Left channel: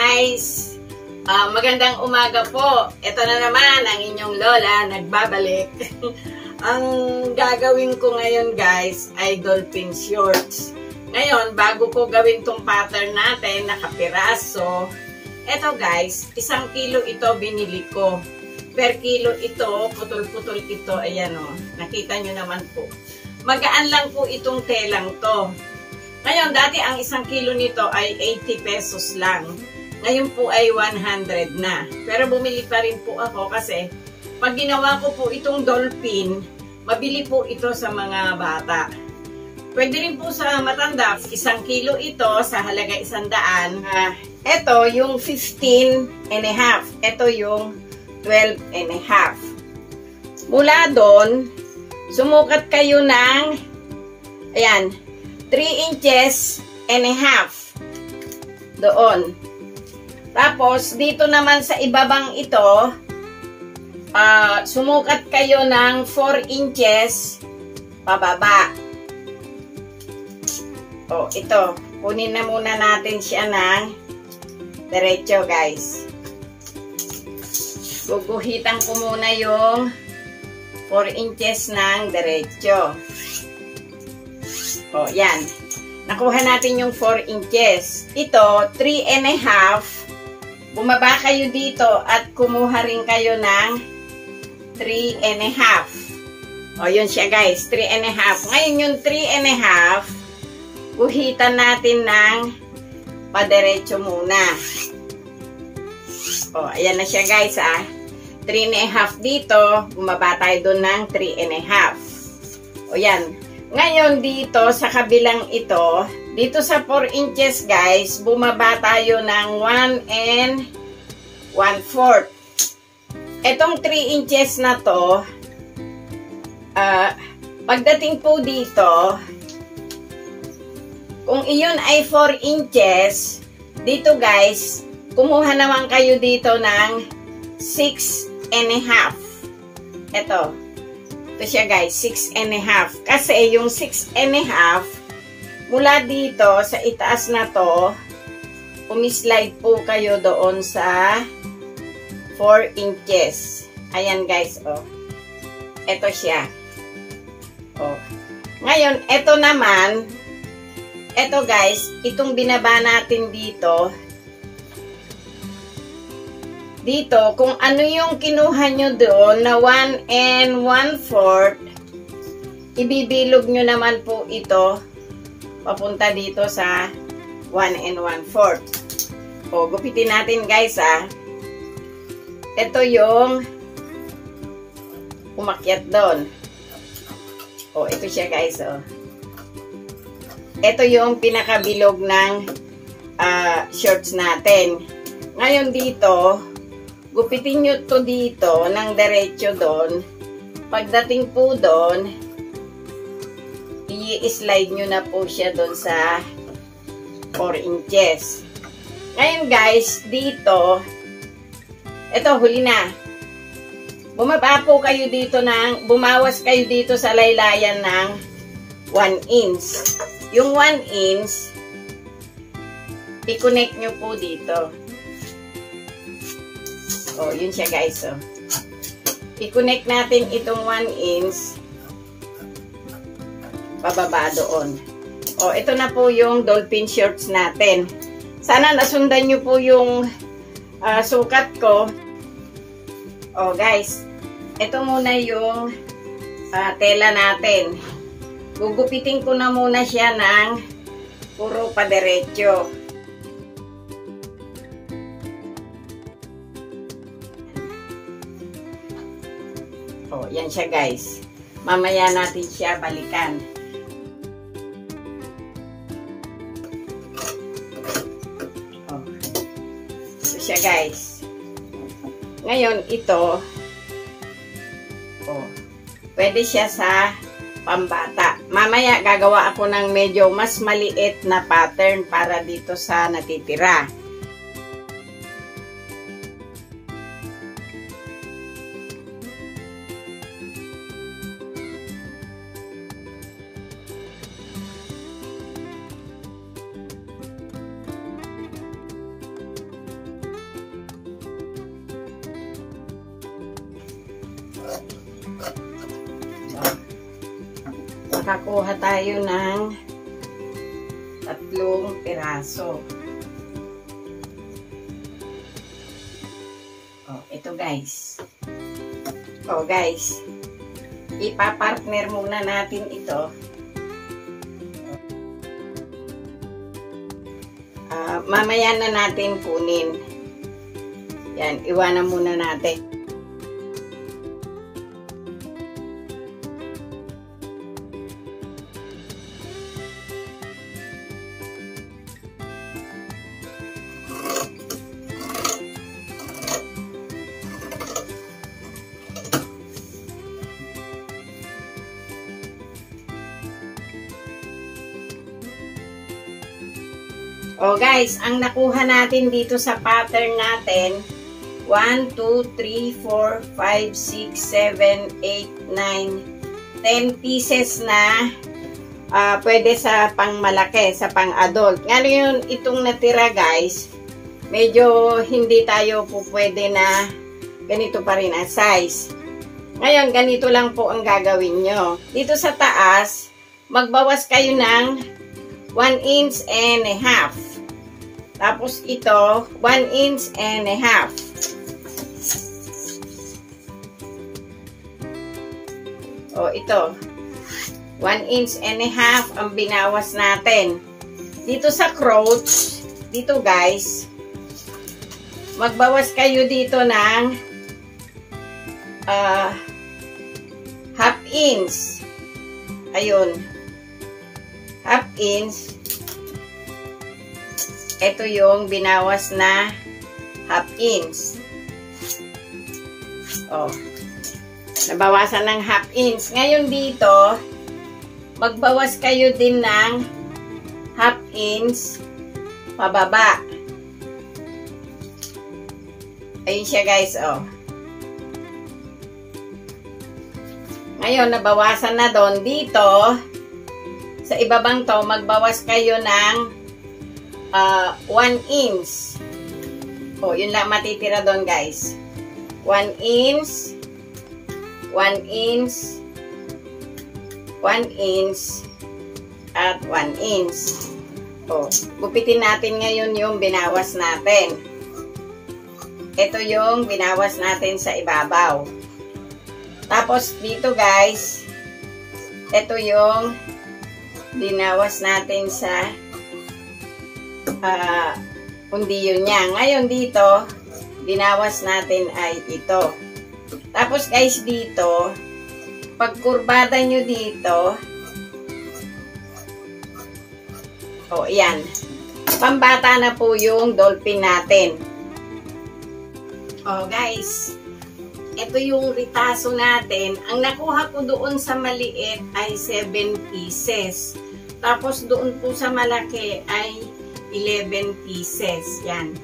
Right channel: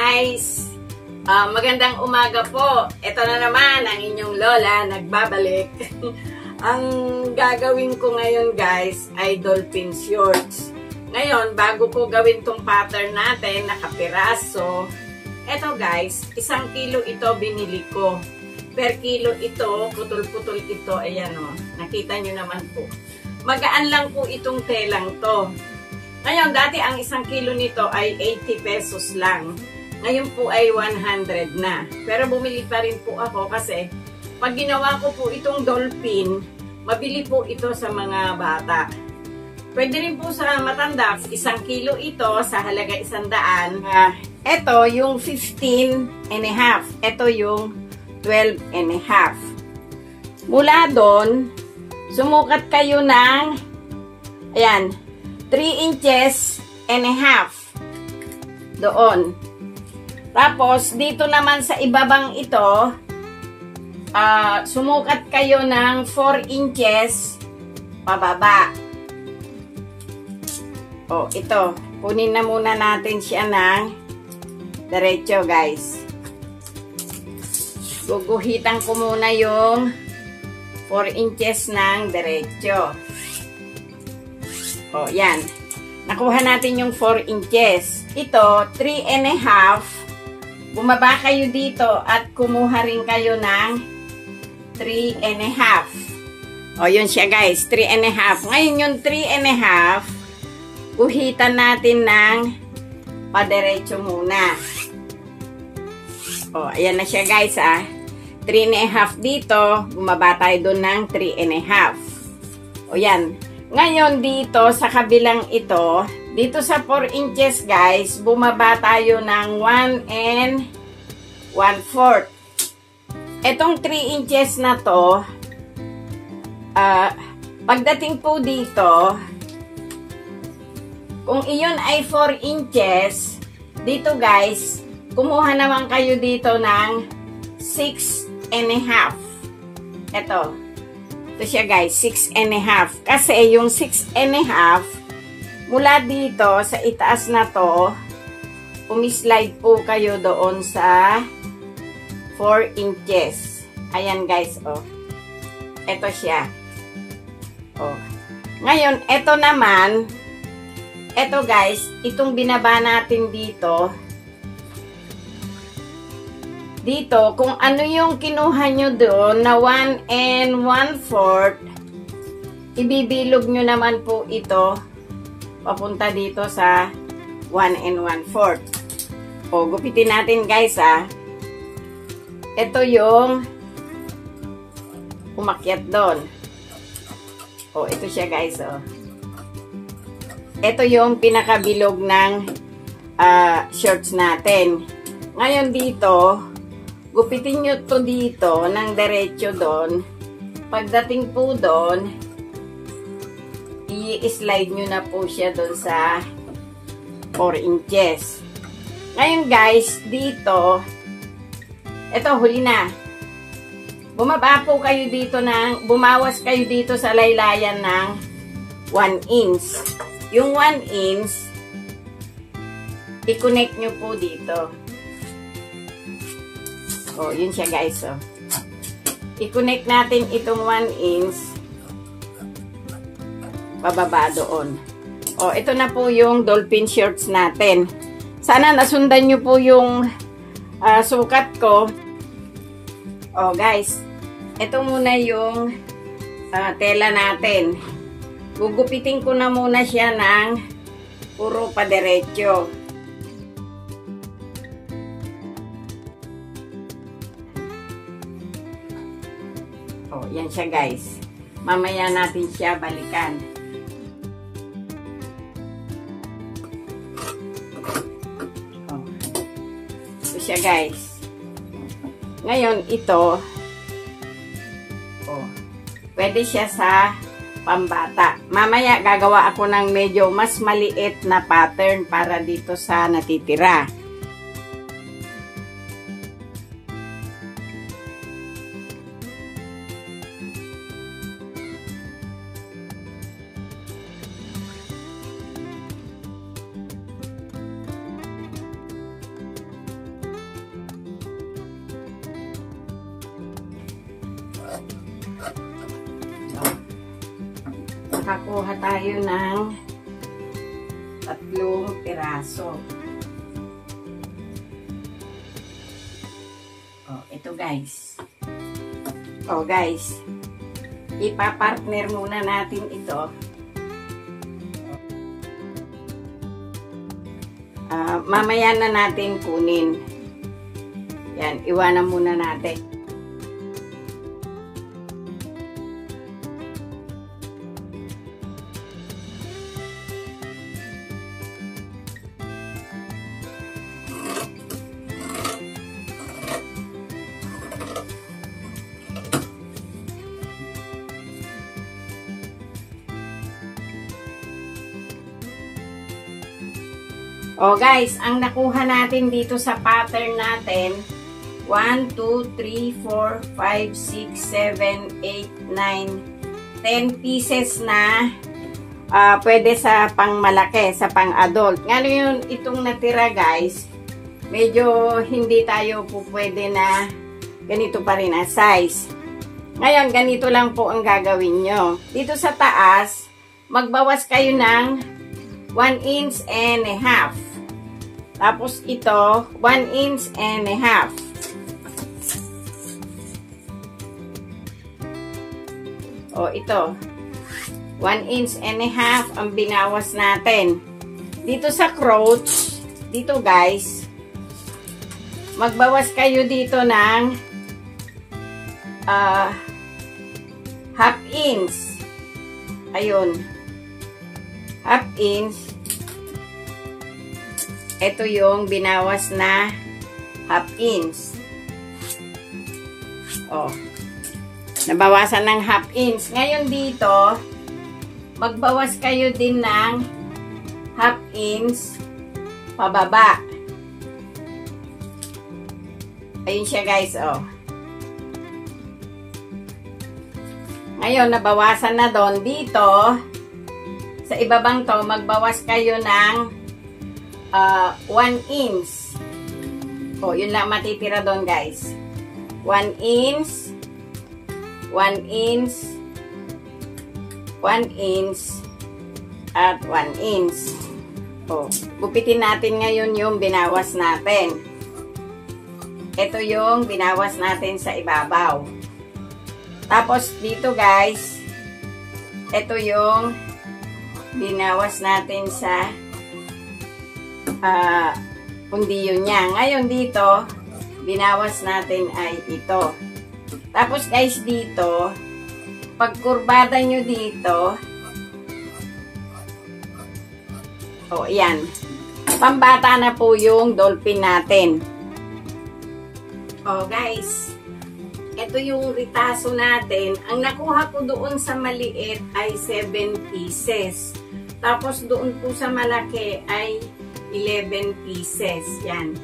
guys! Magandang umaga po. Ito na naman ang inyong lola, nagbabalik. Ang gagawin ko ngayon guys ay dolphin shorts. Ngayon, bago ko gawin tong pattern natin, nakapiraso. Ito guys, 1 kilo ito binili ko. Per kilo ito, putol-putol ito. Ayan o, nakita nyo naman po. Magaan lang po itong telang to. Ngayon, dati ang 1 kilo nito ay 80 pesos lang. Ngayon po ay 100 na. Pero bumili pa rin po ako kasi pag ginawa ko po itong dolphin, mabili po ito sa mga bata. Pwede rin po sa matanda, 1 kilo ito sa halaga 100. Ito yung 15 and a half. Ito yung 12 and a half. Mula doon, sumukat kayo ng, ayan, 3 inches and a half. Doon. Tapos, dito naman sa ibabang ito, sumukat kayo ng 4 inches pababa. O, ito. Kunin na muna natin siya ng diretso, guys. Guguhitan ko muna yung 4 inches ng diretso. O, yan. Nakuha natin yung 4 inches. Ito, 3 and a half. Bumaba kayo dito at kumuha rin kayo ng 3 and a half. O, yun siya guys, 3 and a half. Ngayon yung 3 and a half, guhitan natin ng padiretso muna. O, ayan na siya guys 3 and a half dito, bumaba tayo doon ng 3 and a half. O, yan. Ngayon dito sa kabilang ito, dito sa 4 inches guys, bumaba tayo ng 1 and 1/4. Itong 3 inches na to, pagdating po dito, kung iyon ay 4 inches, dito guys, kumuha naman kayo dito ng 6 and a half. Ito siya guys, 6 and a half. Kasi yung 6 and a half, mula dito sa itaas na to, umislide po kayo doon sa 4 inches. Ayan guys, oh. Ito siya. Oh. Ngayon, ito naman, ito guys, itong binaba natin dito, kung ano yung kinuha nyo doon na 1 and 1/4, ibibilog nyo naman po ito papunta dito sa 1 and 1/4. O, gupitin natin guys Ito yung umakyat doon. O, ito siya guys Ito yung pinakabilog ng shorts natin. Ngayon dito, gupitin nyo to dito ng diretso doon. Pagdating po doon, i-slide nyo na po siya doon sa 4 inches. Ngayon guys, dito, ito huli na. Bumaba po kayo dito bumawas kayo dito sa laylayan ng 1 inch. Yung 1 inch, i-connect nyo po dito. O, yun siya guys i-connect natin itong 1 inch pababa doon. O, ito na po yung dolphin shorts natin. Sana nasundan nyo po yung sukat ko. O, guys, ito muna yung tela natin. Gugupitin ko na muna siya ng puro padiretso. O, yan siya guys. Mamaya natin siya balikan. Siya guys. Ngayon ito pwede siya sa pambata. Mamaya gagawa ako ng medyo mas maliit na pattern para dito sa natitira. makakuha tayo ng 3 piraso. Oh, ito guys. Oh guys, ipapartner muna natin ito. Mamaya na natin kunin. Yan, iwanan muna natin. Oh guys, ang nakuha natin dito sa pattern natin, 1, 2, 3, 4, 5, 6, 7, 8, 9, 10 pieces na pwede sa pang malaki, sa pang adult. Ngayon, itong natira guys, medyo hindi tayo po pwede na ganito pa rin ang size. Ngayon, ganito lang po ang gagawin nyo. Dito sa taas, magbawas kayo ng 1 inch and a half. Tapos ito, 1 inch and a half. O ito, 1 inch and a half ang binawas natin. Dito sa crotch, dito guys, magbawas kayo dito ng half inch. Ayun, half inch. Ito yung binawas na half inch. Oh. Nabawasan ng half inch. Ngayon dito, magbawas kayo din ng half inch pababa. Ayun siya guys, oh. Ngayon, nabawasan na doon. Dito, sa ibabang to, magbawas kayo ng 1 inch. Oh, yun lang matitira doon guys. 1 inch, 1 inch, 1 inch, at 1 inch. Oh, gupitin natin ngayon yung binawas natin. Ito yung binawas natin sa ibabaw. Tapos dito guys, ito yung binawas natin sa pundiyo niya. Ngayon dito, binawas natin ay ito. Tapos guys dito, pag kurbada nyo dito, o yan, pambata na po yung dolphin natin. O guys, ito yung ritaso natin. Ang nakuha ko doon sa maliit ay 7 pieces. Tapos doon po sa malaki ay 11 pieces. Yan.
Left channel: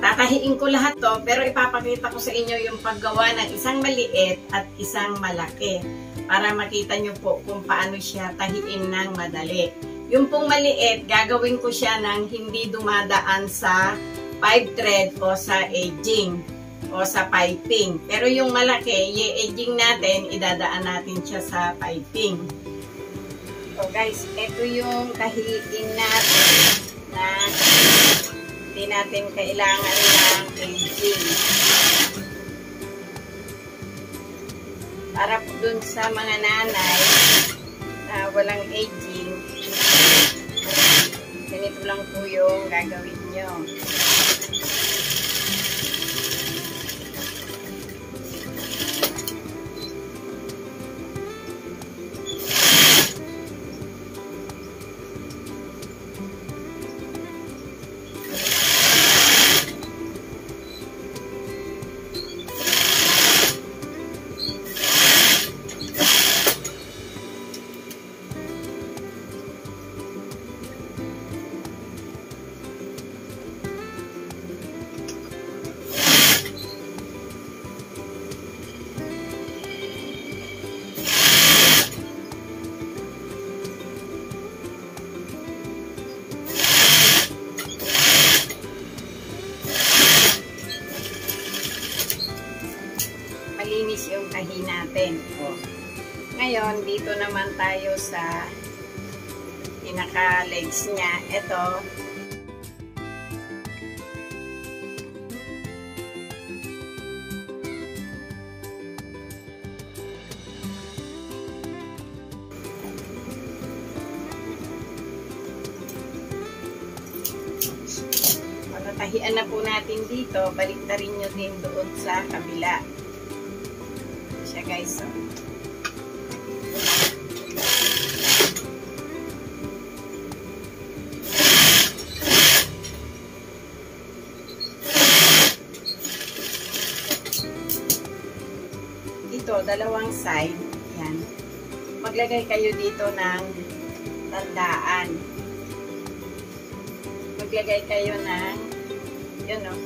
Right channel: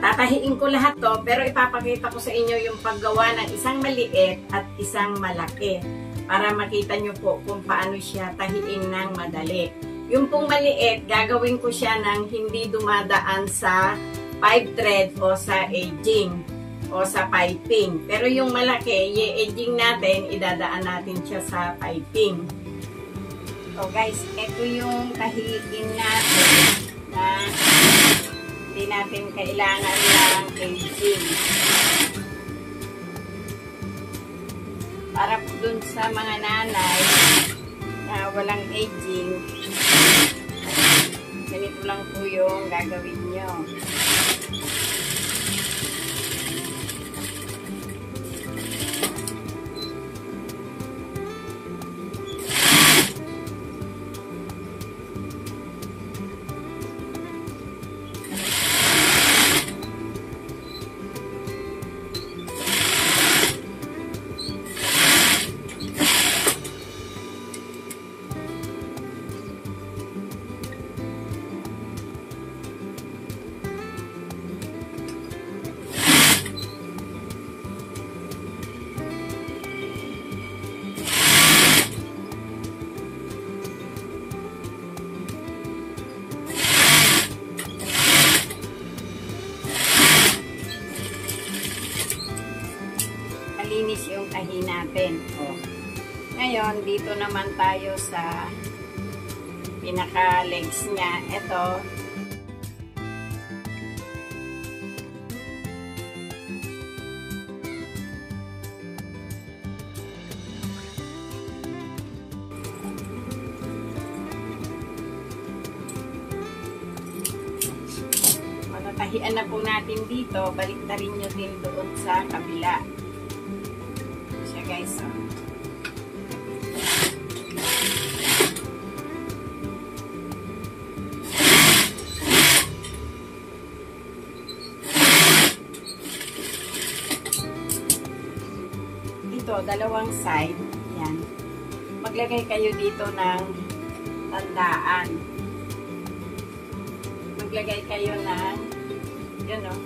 Tatahiin ko lahat to, pero ipapakita ko sa inyo yung paggawa ng isang maliit at isang malaki para makita nyo po kung paano siya tahiin ng madali. Yung pong maliit, gagawin ko siya ng hindi dumadaan sa 5 thread o sa edging o sa piping. Pero yung malaki, i-edging natin, idadaan natin siya sa piping. So guys, ito yung tahiin natin na hindi natin kailangan ng edging. Para po dun sa mga nanay na walang edging, ganito lang po yung gagawin nyo. Malinis yung tahi natin. Oh. Ngayon, dito naman tayo sa pinaka-legs niya. Ito. Pagkatahian na po natin dito, baliktarin nyo din doon sa kabila. Siya guys. Dalawang side, yan. Maglagay kayo dito ng tandaan. Maglagay kayo ng, yun o,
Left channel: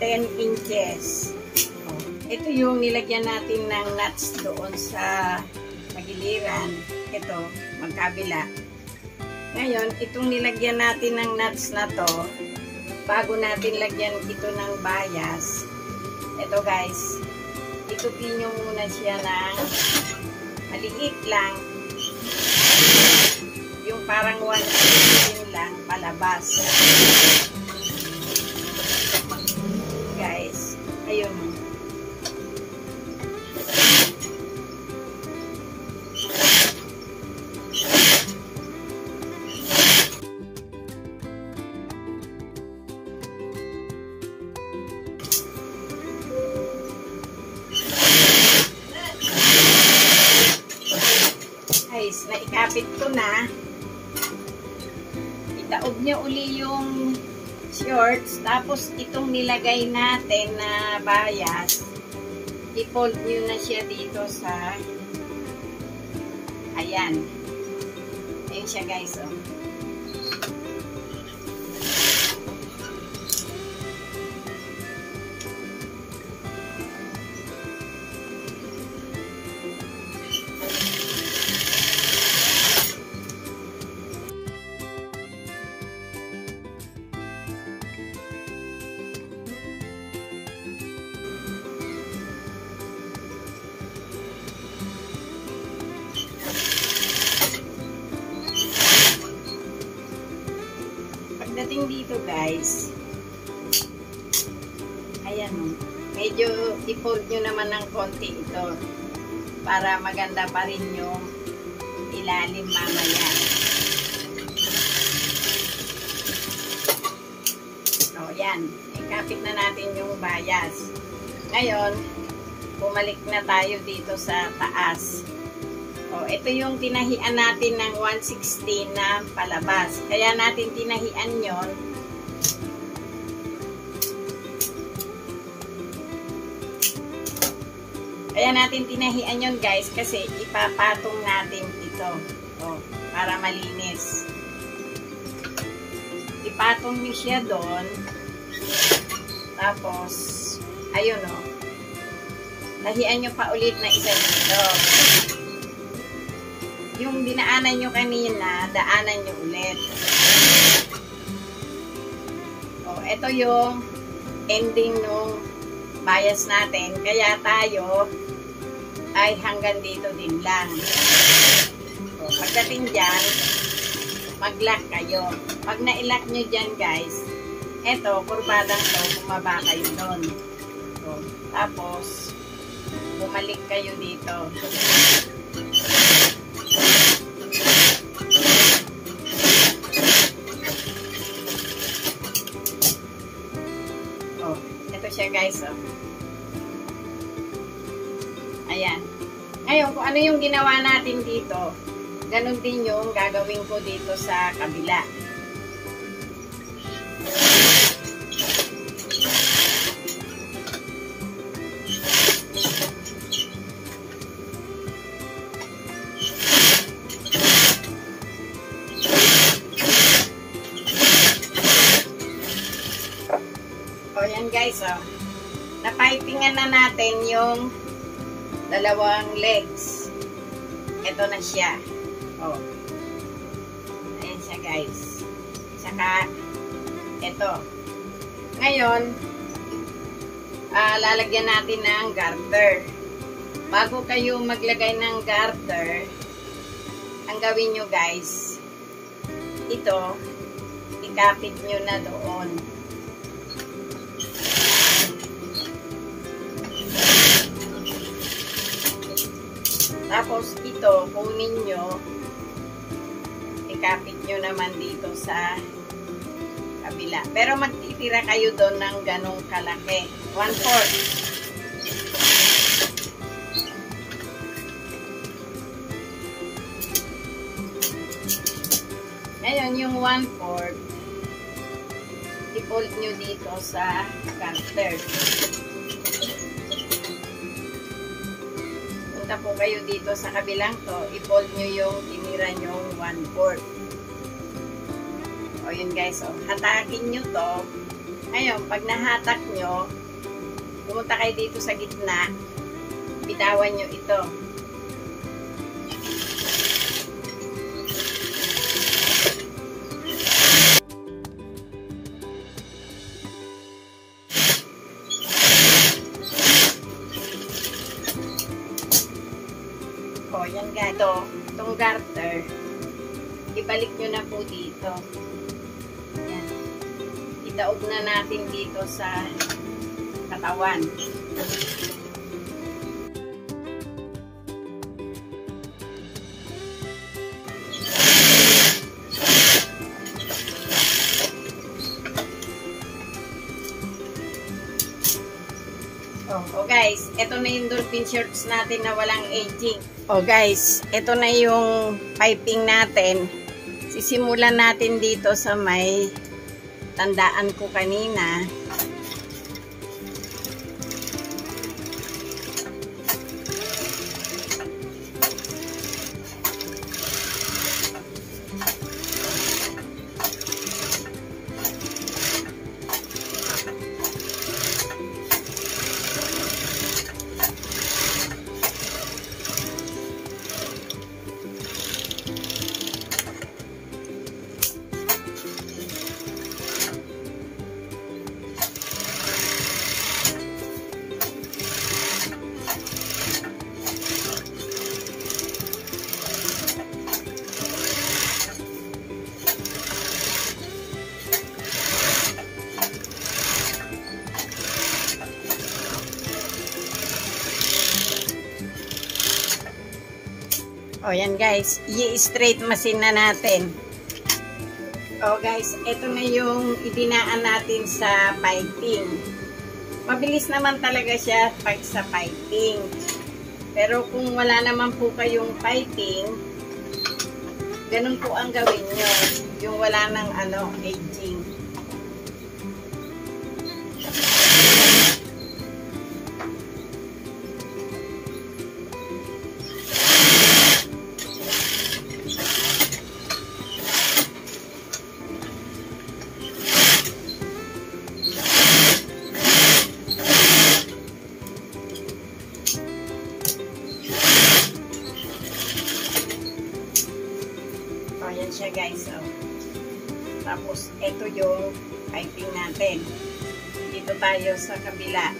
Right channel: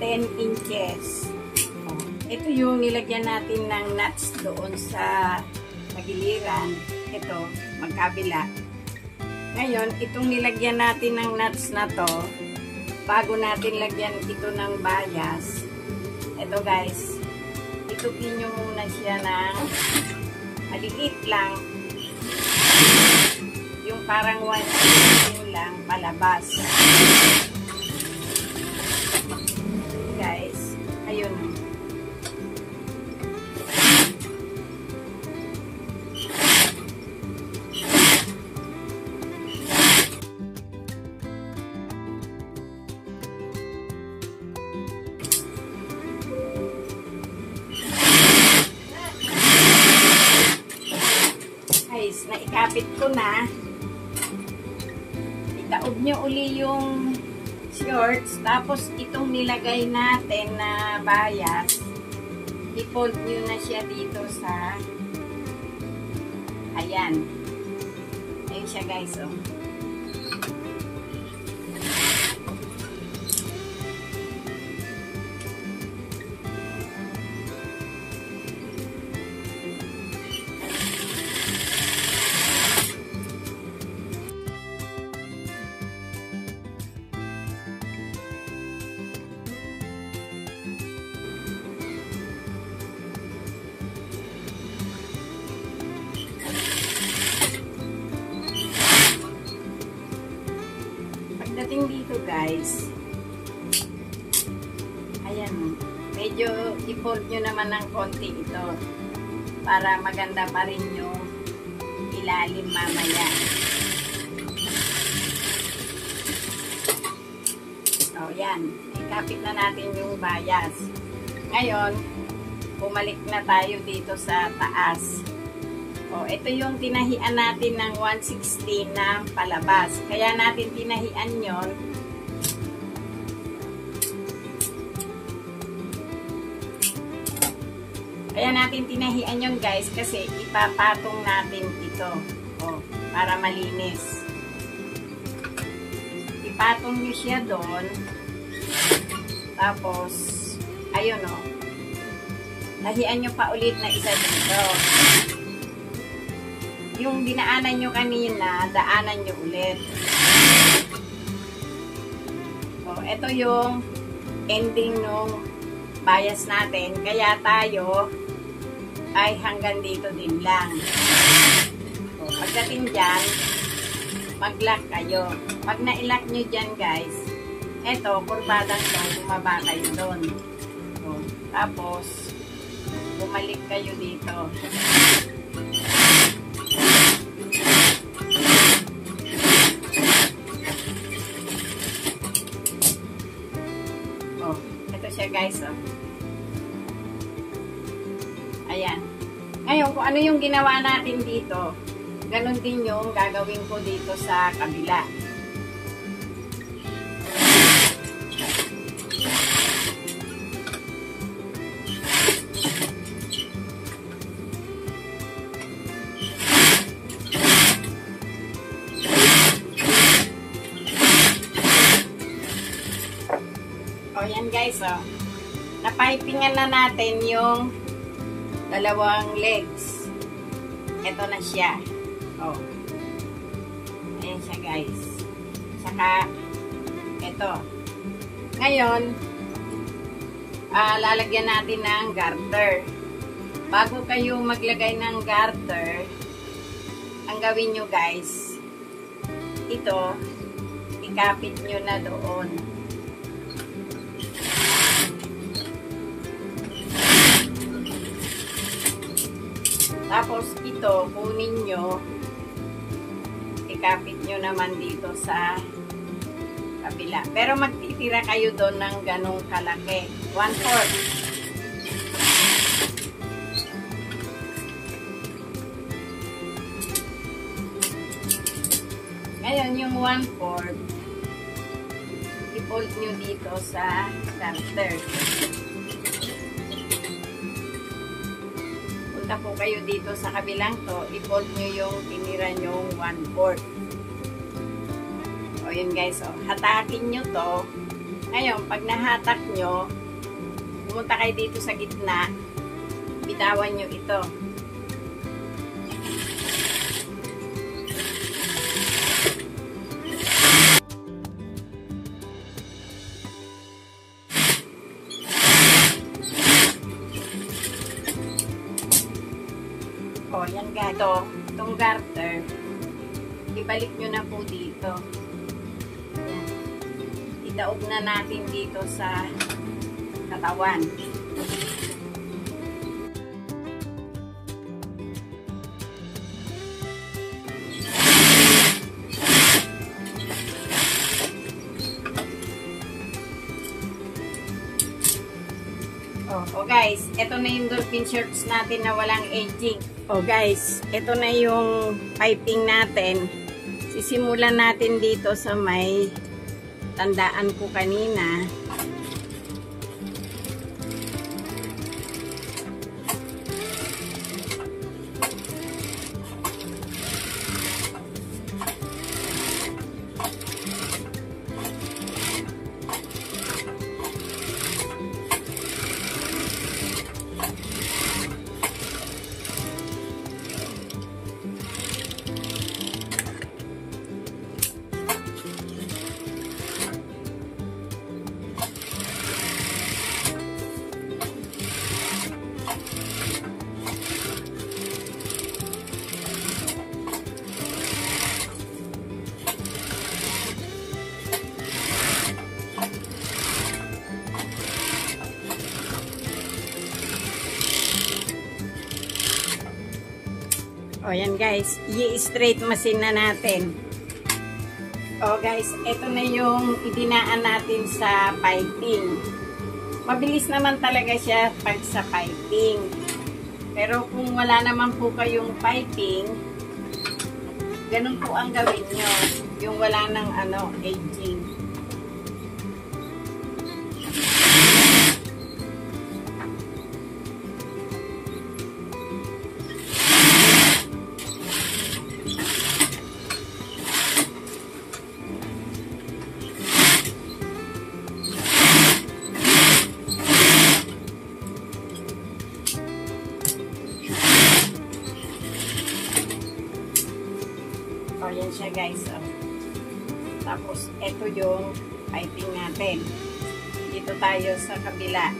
10 inches. O, ito yung nilagyan natin ng nuts doon sa magiliran. Ito, magkabila. Ngayon, itong nilagyan natin ng nuts na to, bago natin lagyan ito ng bias, ito guys, itupin nyo muna siya ng maliit lang. Yung parang 1 lang palabas. Guys, ayun. Naikapit ko na. Itaob nyo uli yung shorts. Tapos itong nilagay natin na bias, i-fold nyo na siya dito sa ayan. Ayan siya guys. Oh. Pagdating dito guys, ayan, medyo i-fold nyo naman ng konti ito para maganda pa rin yung ilalim mamaya. O yan, ikapit na natin yung bias. Ngayon, bumalik na tayo dito sa taas. O, ito yung tinahian natin ng 1/16 na palabas. Kaya natin tinahian yon. Kaya natin tinahian yon guys kasi ipapatong natin ito. O, para malinis. Ipatong nyo siya doon. Tapos, ayun o. Tahian nyo pa ulit na isa dito. Yung dinaanan nyo kanina, daanan nyo ulit. O, ito yung ending nung bias natin. Kaya tayo ay hanggang dito din lang. O, pagdating dyan, mag-lock kayo. Pag na-lock nyo dyan guys, eto, kurbadang to, bumaba kayo doon. O, tapos, bumalik kayo dito. Oh, ito siya guys, oh. Ayan. Ngayon, kung ano yung ginawa natin dito, ganun din yung gagawin ko dito sa kabila. O yan guys, oh. Napipingan na natin yung dalawang legs. Ito na siya. Oh. Ayan siya guys. Saka ito. Ngayon, lalagyan natin ng garter. bago kayo maglagay ng garter, ang gawin nyo guys, ito, ikapit nyo na doon. Tapos ito, kunin nyo, ikapit nyo naman dito sa kabila. Pero magtitira kayo doon ng ganong kalaki. 1/4. Ngayon, yung 1/4, i-fold nyo dito sa garter. Punta po kayo dito sa kabilang to, i-fold nyo yung tinira nyong 1/4. O yun guys, o, hatakin nyo to. Ngayon, pag nahatak nyo, pumunta kayo dito sa gitna, bitawan nyo ito. O, yan gato. Itong garter, ibalik nyo na po dito. Yan. Idaog na natin dito sa katawan. O guys, ito na yung dolphin shirts natin na walang aging. O guys, ito na yung piping natin. Sisimulan natin dito sa may tandaan ko kanina. O yan guys, i-straight machine na natin. O guys, ito na yung idinaan natin sa piping. Mabilis naman talaga siya pag sa piping. Pero kung wala naman po kayong piping, ganun po ang gawin nyo. Yung wala ng aging. Ayan siya guys. Oh. Tapos, ito yung piping natin. Dito tayo sa kabila.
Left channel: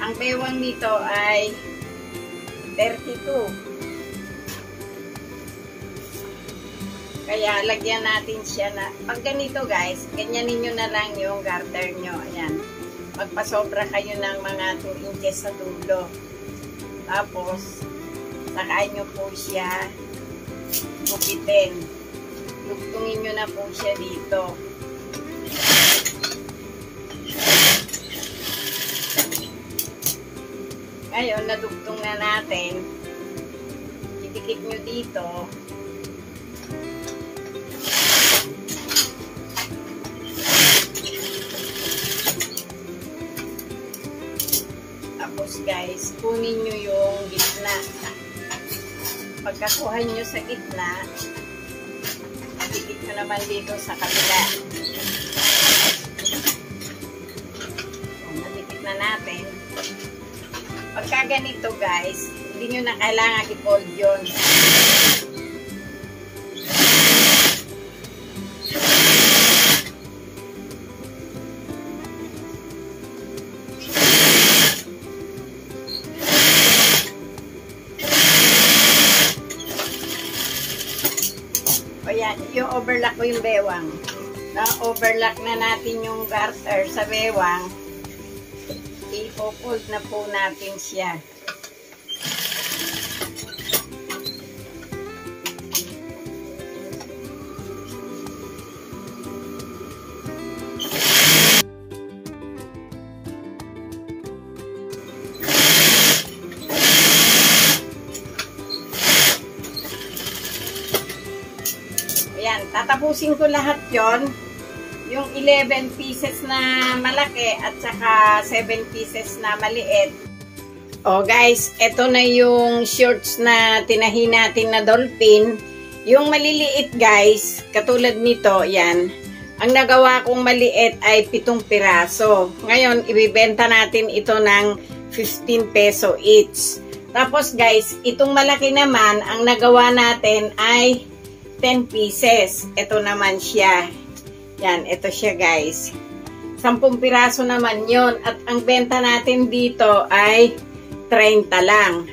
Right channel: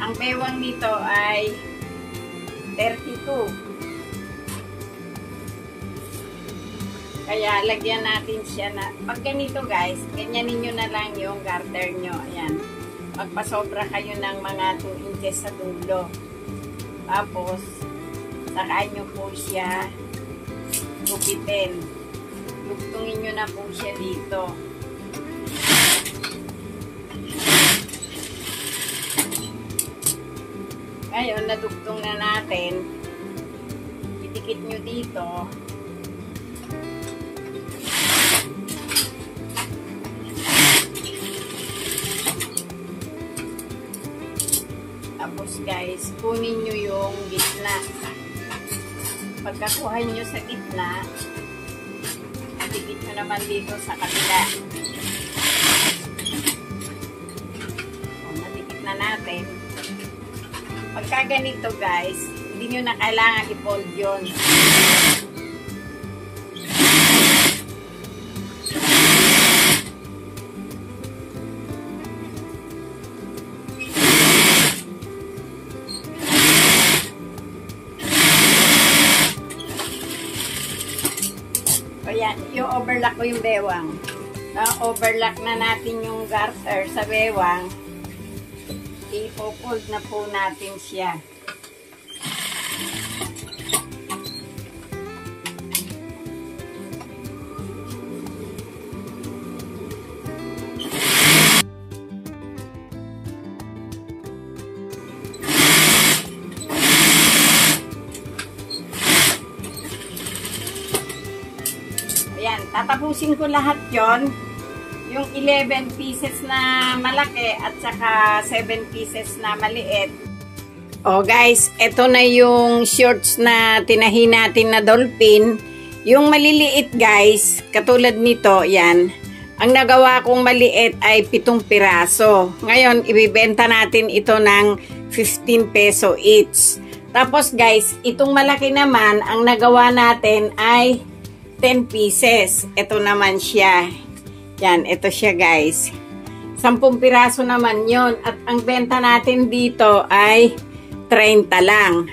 Ang bewang nito ay 32. Kaya, lagyan natin siya na, pag ganito guys, ganyanin nyo na lang yung garter nyo. Ayan. Magpasobra kayo ng mga 2 inches sa dulo. Tapos, sakain nyo po siya gupitin. Lugtungin nyo na po siya dito. Ngayon, nadugtong na natin. Idikit nyo dito. Tapos guys, kunin nyo yung gitna. Pagkakuha nyo sa gitna, dikit nyo naman dito sa kabila. Madikit na natin. Pagka ganito guys, hindi nyo na kailangan i-fold yun. yung overlock ko yung bewang. Na-overlock na natin yung garter sa bewang. Ipo-fold na po natin siya. Ayan, tatapusin ko lahat yon, yung 11 pieces na malaki at saka 7 pieces na maliit. Oh guys, ito na yung shorts na tinahi natin na dolphin. Yung maliliit guys, katulad nito, yan. Ang nagawa kong maliit ay 7 piraso. Ngayon, ibibenta natin ito ng 15 peso each. Tapos guys, itong malaki naman, ang nagawa natin ay 10 pieces. Ito naman siya. Yan, ito siya guys. 10 piraso naman yon. At ang benta natin dito ay 30 lang.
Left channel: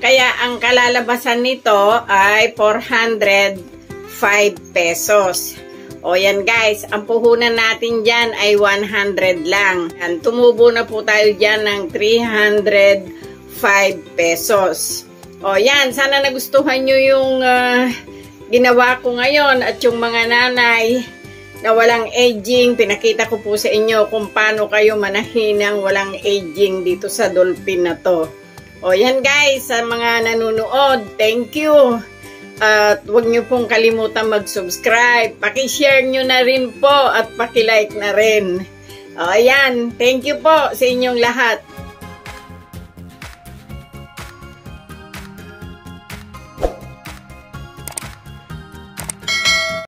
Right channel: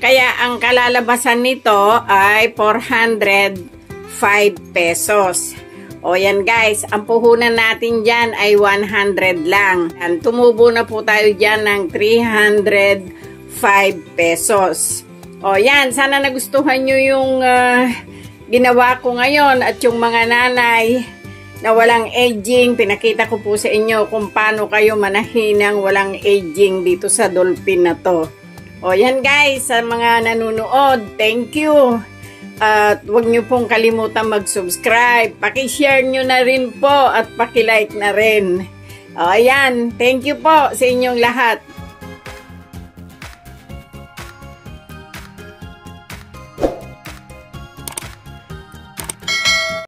Kaya ang kalalabasan nito ay 405 pesos. O yan guys, ang puhunan natin dyan ay 100 lang. Tumubo na po tayo dyan ng 305 pesos. O yan, sana nagustuhan nyo yung ginawa ko ngayon at yung mga nanay na walang aging, pinakita ko po sa inyo kung paano kayo manahin ng walang aging dito sa dolphin na to. O yan guys, sa mga nanonood, thank you. At huwag nyo pong kalimutan mag-subscribe. Paki-share nyo na rin po at paki-like na rin. O yan, thank you po sa inyong lahat.